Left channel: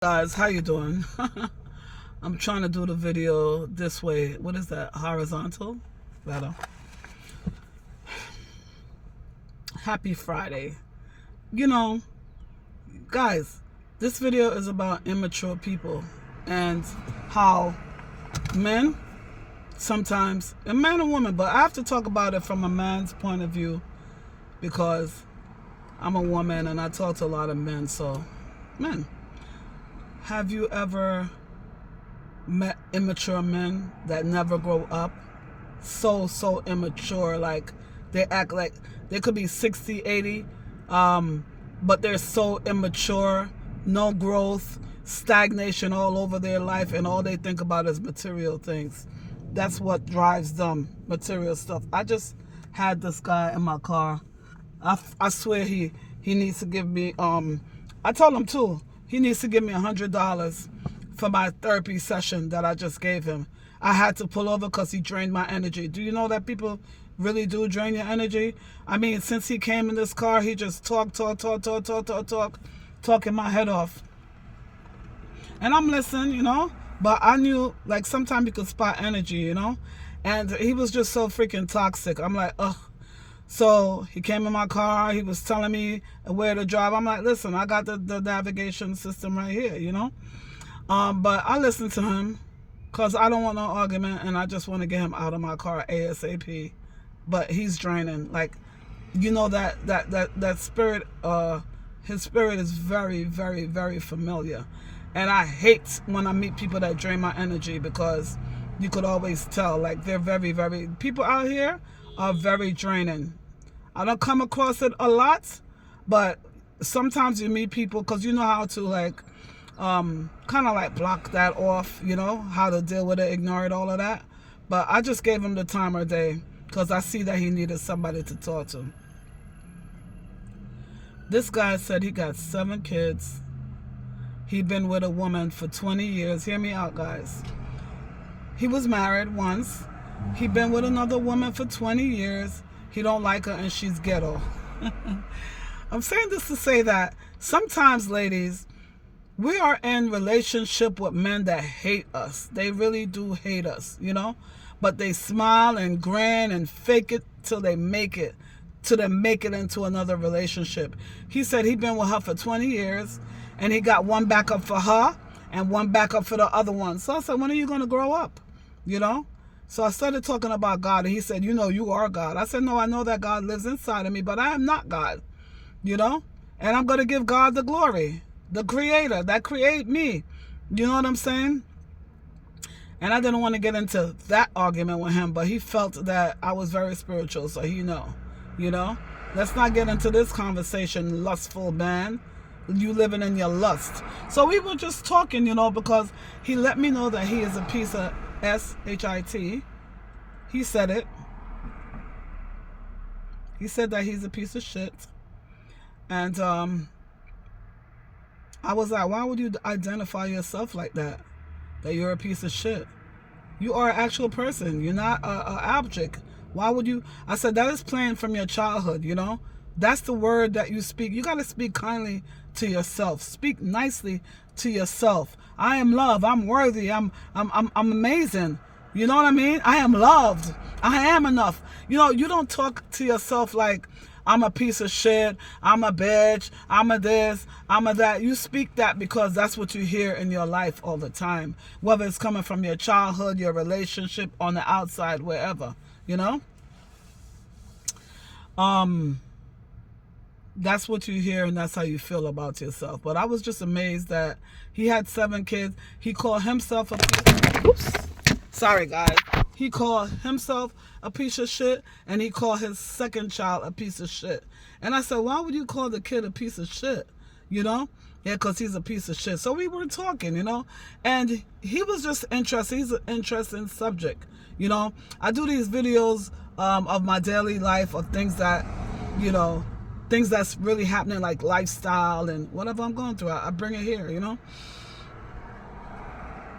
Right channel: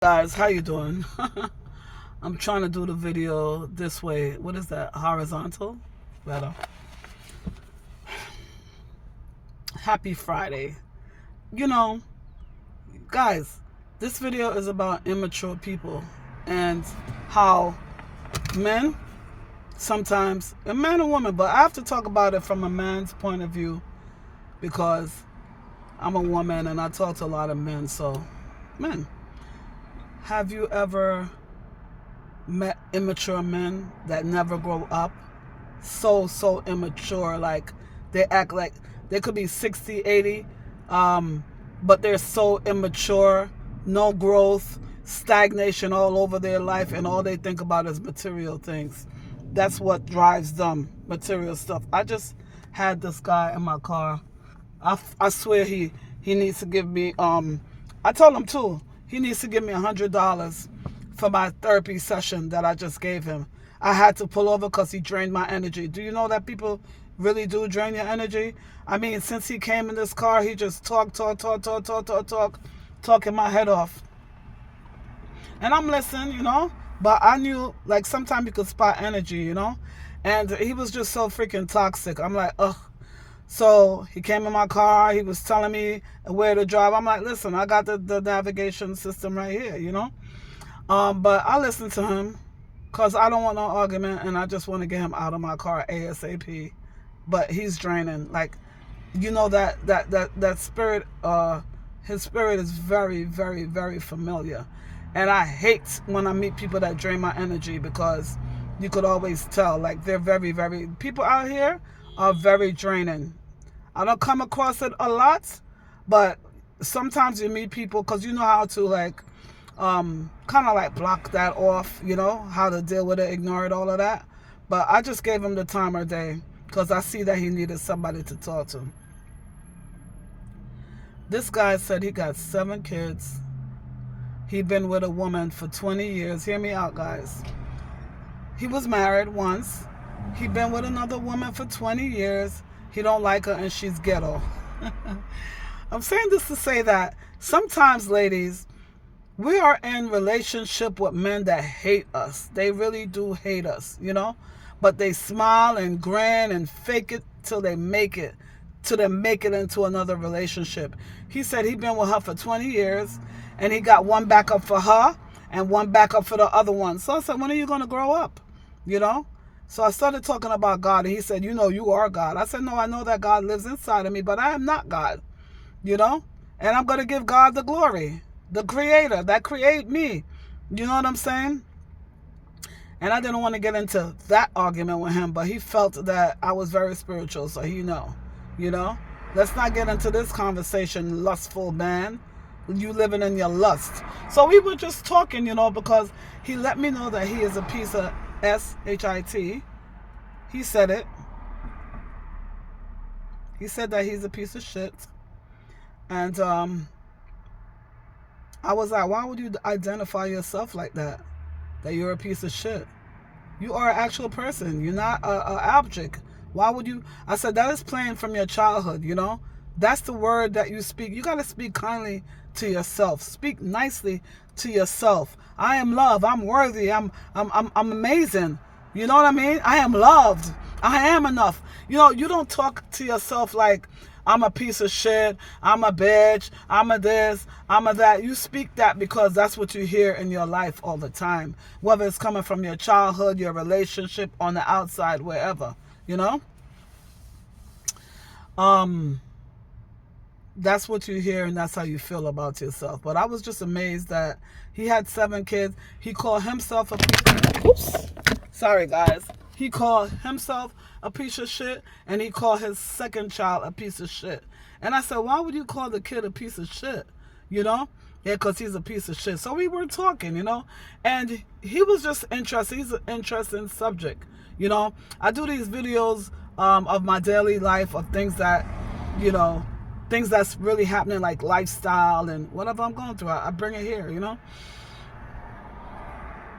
Guys, how you doing? I'm trying to do the video this way. What is that? Horizontal? Better. Happy Friday. You know, guys, this video is about immature people and how men sometimes, a man and woman, but I have to talk about it from a man's point of view because I'm a woman and I talk to a lot of men. So, men, have you ever met immature men that never grow up? So immature. Like, they act like they could be 60, 80, but they're so immature, no growth, stagnation all over their life, and all they think about is material things. That's what drives them, material stuff. I just had this guy in my car. I swear he needs to give me, I told him too, he needs to give me $100 for my therapy session that I just gave him. I had to pull over because he drained my energy. Do you know that people really do drain your energy? I mean, since he came in this car, he just talking my head off. And I'm listening, but I knew, like, sometimes you could spot energy. And he was just so freaking toxic. I'm like, ugh. So he came in my car. He was telling me where to drive. I'm like, listen, I got the navigation system right here. But I listened to him because I don't want no argument, and I just want to get him out of my car ASAP. But he's draining. Like, that spirit, his spirit is very, very, very familiar. And I hate when I meet people that drain my energy because you could always tell. Like, they're very, very, people out here are very draining. I don't come across it a lot, but sometimes you meet people because you know how to, like, kind of like block that off, how to deal with it, ignore it, all of that. But I just gave him the time of day because I see that he needed somebody to talk to. This guy said he got 7 kids. He'd been with a woman for 20 years. Hear me out, guys. He was married once. He'd been with another woman for 20 years. He don't like her and she's ghetto. I'm saying this to say that sometimes, ladies, we are in relationship with men that hate us. They really do hate us, But they smile and grin and fake it till they make it. Till they make it into another relationship. He said he'd been with her for 20 years and he got one backup for her and one backup for the other one. So I said, when are you going to grow up? So I started talking about God, and he said, you are God. I said, no, I know that God lives inside of me, but I am not God, and I'm going to give God the glory, the creator that created me. You know what I'm saying? And I didn't want to get into that argument with him, but he felt that I was very spiritual, so he know. Let's not get into this conversation, lustful man. You living in your lust. So we were just talking, because he let me know that he is a piece of shit. He said it. He said that he's a piece of shit. And I was like, why would you identify yourself like that? That you're a piece of shit. You are an actual person. You're not an object. Why would you? I said, that is playing from your childhood, That's the word that you speak. You got to speak kindly to yourself. Speak nicely to yourself. I am loved. I'm worthy. I'm amazing. You know what I mean? I am loved. I am enough. You don't talk to yourself like, I'm a piece of shit. I'm a bitch. I'm a this. I'm a that. You speak that because that's what you hear in your life all the time. Whether it's coming from your childhood, your relationship, on the outside, wherever. That's what you hear and that's how you feel about yourself. But I was just amazed that he had 7 kids. He called himself sorry guys. He called himself a piece of shit and he called his second child a piece of shit. And I said, why would you call the kid a piece of shit? Yeah, because he's a piece of shit. So we were talking, and he was just interested. He's an interesting subject. I do these videos of my daily life, of things that, things that's really happening, like lifestyle and whatever I'm going through. I bring it here,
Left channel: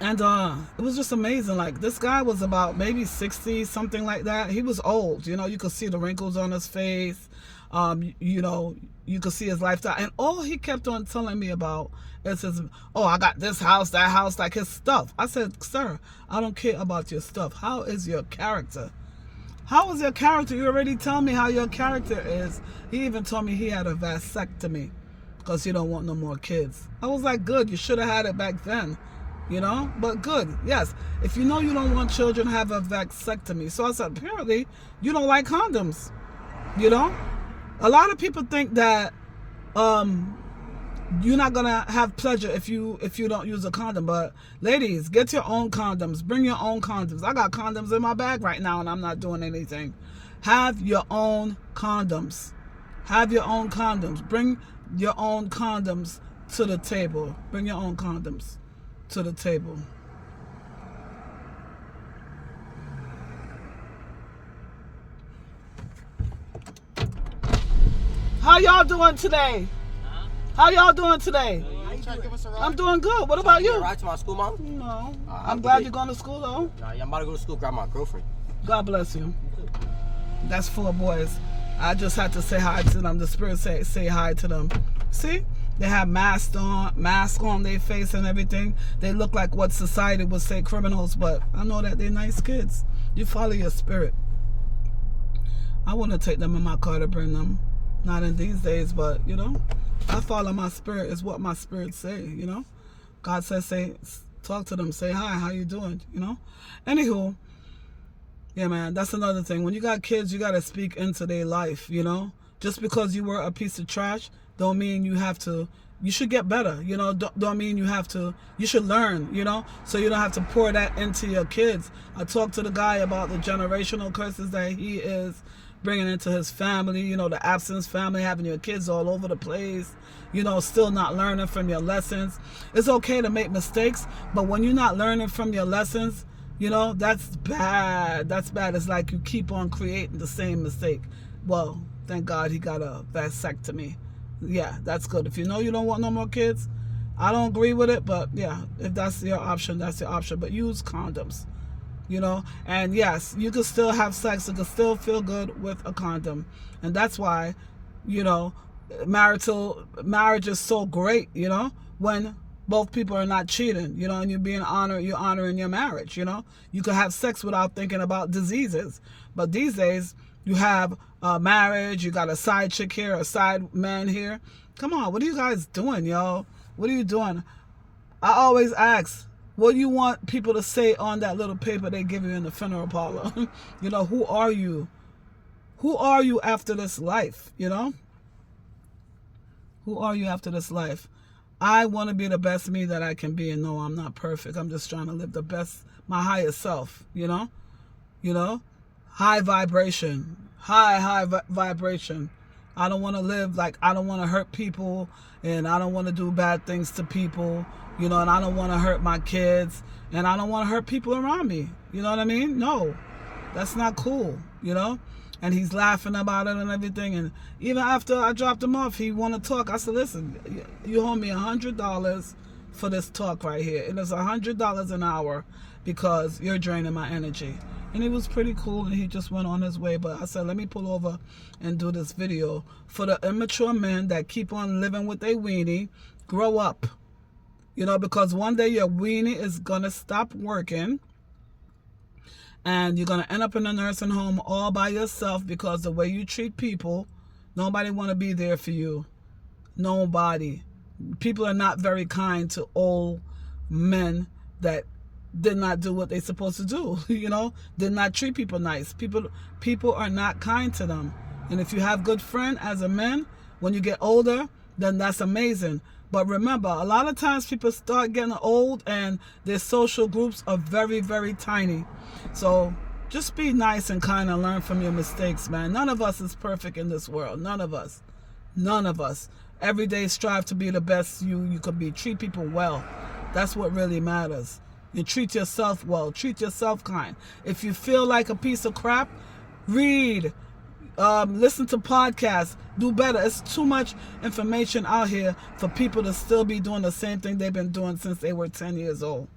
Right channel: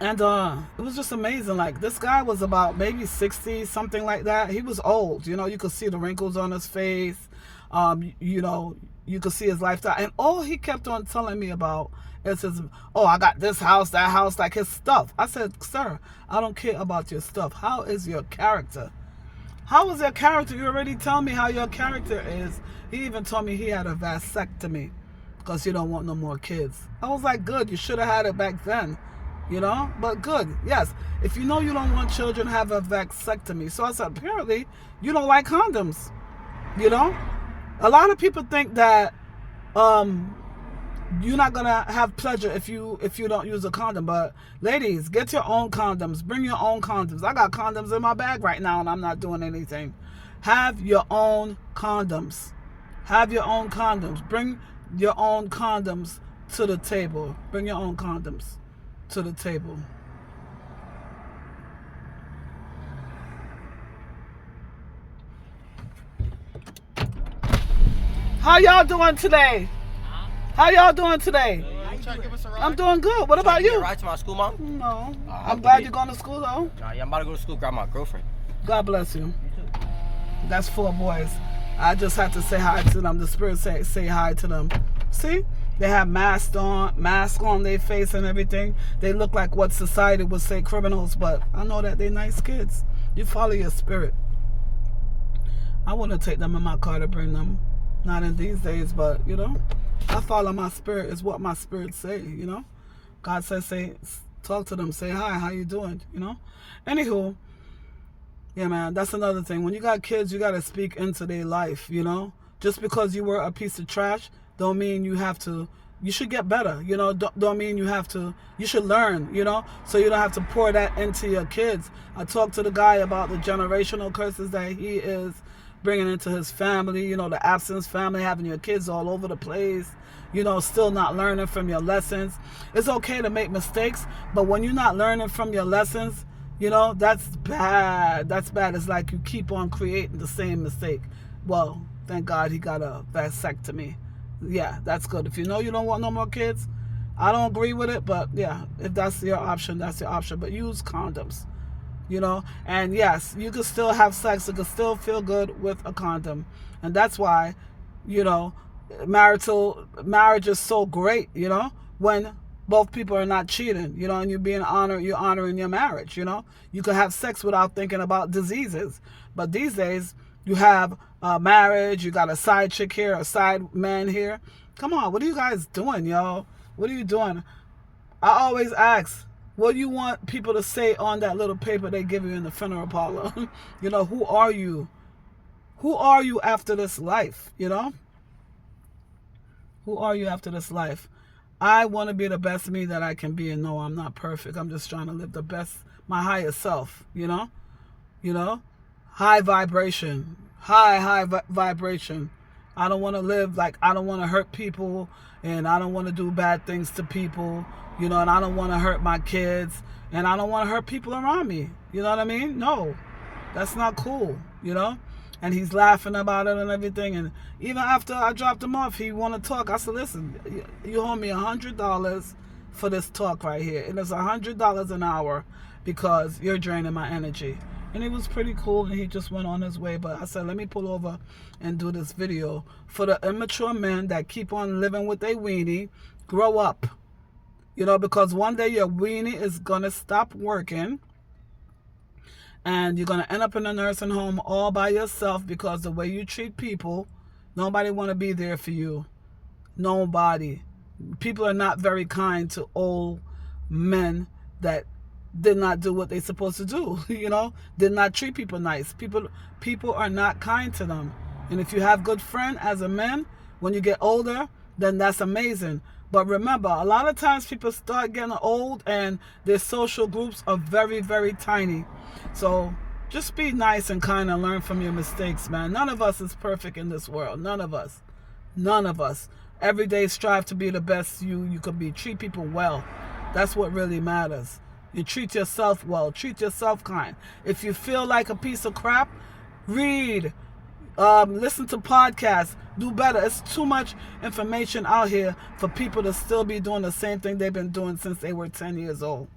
And it was just amazing. Like, this guy was about maybe 60, something like that. He was old, you could see the wrinkles on his face. You know, you could see his lifestyle. And all he kept on telling me about is his, oh, I got this house, that house, like his stuff. I said, sir, I don't care about your stuff. How is your character? How is your character? You already tell me how your character is. He even told me he had a vasectomy because you don't want no more kids. I was like, good. You should have had it back then, you know? But good. Yes. If you know you don't want children, have a vasectomy. So I said, apparently, you don't like condoms, you know? A lot of people think that you're not gonna have pleasure if you don't use a condom. But ladies, get your own condoms. Bring your own condoms. I got condoms in my bag right now and I'm not doing anything. Have your own condoms. Have your own condoms. Bring your own condoms to the table. Bring your own condoms to the table. How y'all doing today? How y'all doing today? I'm doing good. What about you? Ride to my school, Mom? No. I'm glad you're going to school, though. Yeah, I'm about to go to school, grab my girlfriend. God bless you. That's 4 boys. I just had to say hi to them. The spirit say hi to them. See? They have masks on their face and everything. They look like what society would say criminals, but I know that they're nice kids. You follow your spirit. I want to take them in my car to bring them. Not in these days, but, you know, I follow my spirit. Is what my spirit say, you know. God says, talk to them. Say hi. How you doing, you know. Anywho, yeah, man, that's another thing. When you got kids, you got to speak into their life, you know. Just because you were a piece of trash don't mean you have to, you should get better, you know. Don't mean you have to, you should learn, you know. So you don't have to pour that into your kids. I talked to the guy about the generational curses that he is bringing into his family, you know, the absence family, having your kids all over the place, you know, still not learning from your lessons. It's okay to make mistakes, but when you're not learning from your lessons, you know, that's bad. That's bad. It's like you keep on creating the same mistake. Well, thank God he got a vasectomy. Yeah, that's good. If you know you don't want no more kids, I don't agree with it, but yeah, if that's your option, that's your option. But use condoms. You know, and yes, you can still have sex. You can still feel good with a condom. And that's why, you know, marriage is so great, you know, when both people are not cheating, you know, and you're honoring your marriage, you know. You could have sex without thinking about diseases. But these days, you have marriage, you got a side chick here, a side man here. Come on, what are you guys doing, yo? What are you doing? I always ask, what do you want people to say on that little paper they give you in the funeral parlor? You know, who are you? Who are you after this life, you know? Who are you after this life? I want to be the best me that I can be, and no, I'm not perfect. I'm just trying to live the best, my highest self, you know? You know? High vibration. High vibration. I don't want to live like, I don't want to hurt people, and I don't want to do bad things to people. You know, and I don't want to hurt my kids, and I don't want to hurt people around me. You know what I mean? No, that's not cool, you know? And he's laughing about it and everything. And even after I dropped him off, he want to talk. I said, listen, you owe me $100 for this talk right here. And it's $100 an hour because you're draining my energy. And he was pretty cool, and he just went on his way. But I said, let me pull over and do this video for the immature men that keep on living with their weenie. Grow up. You know, because one day your weenie is going to stop working and you're going to end up in a nursing home all by yourself because the way you treat people, nobody want to be there for you. Nobody. People are not very kind to old men that did not do what they're supposed to do, you know, did not treat people nice. People are not kind to them. And if you have good friend as a man, when you get older, then that's amazing. But remember, a lot of times people start getting old and their social groups are very, very tiny. So just be nice and kind and learn from your mistakes, man. None of us is perfect in this world. None of us. None of us. Every day strive to be the best you could be. Treat people well. That's what really matters. You treat yourself well. Treat yourself kind. If you feel like a piece of crap, read. Listen to podcasts. Do better. It's too much information out here for people to still be doing the same thing they've been doing since they were 10 years old.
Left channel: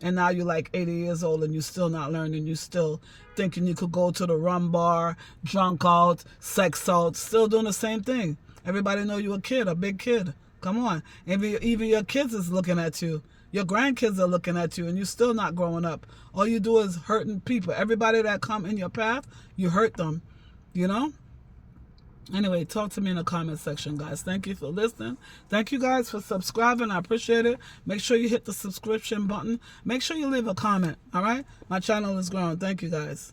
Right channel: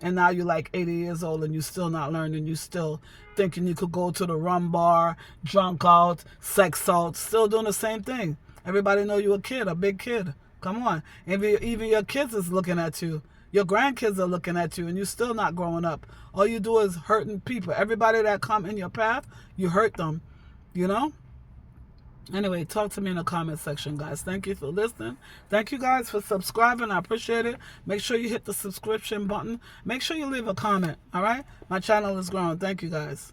And now you're like 80 years old and you're still not learning. You're still thinking you could go to the rum bar, drunk out, sex out, still doing the same thing. Everybody know you a kid, a big kid. Come on. Even your kids is looking at you. Your grandkids are looking at you, and you're still not growing up. All you do is hurting people. Everybody that come in your path, you hurt them, you know? Anyway, talk to me in the comment section, guys. Thank you for listening. Thank you guys for subscribing. I appreciate it. Make sure you hit the subscription button. Make sure you leave a comment, all right? My channel is growing. Thank you, guys.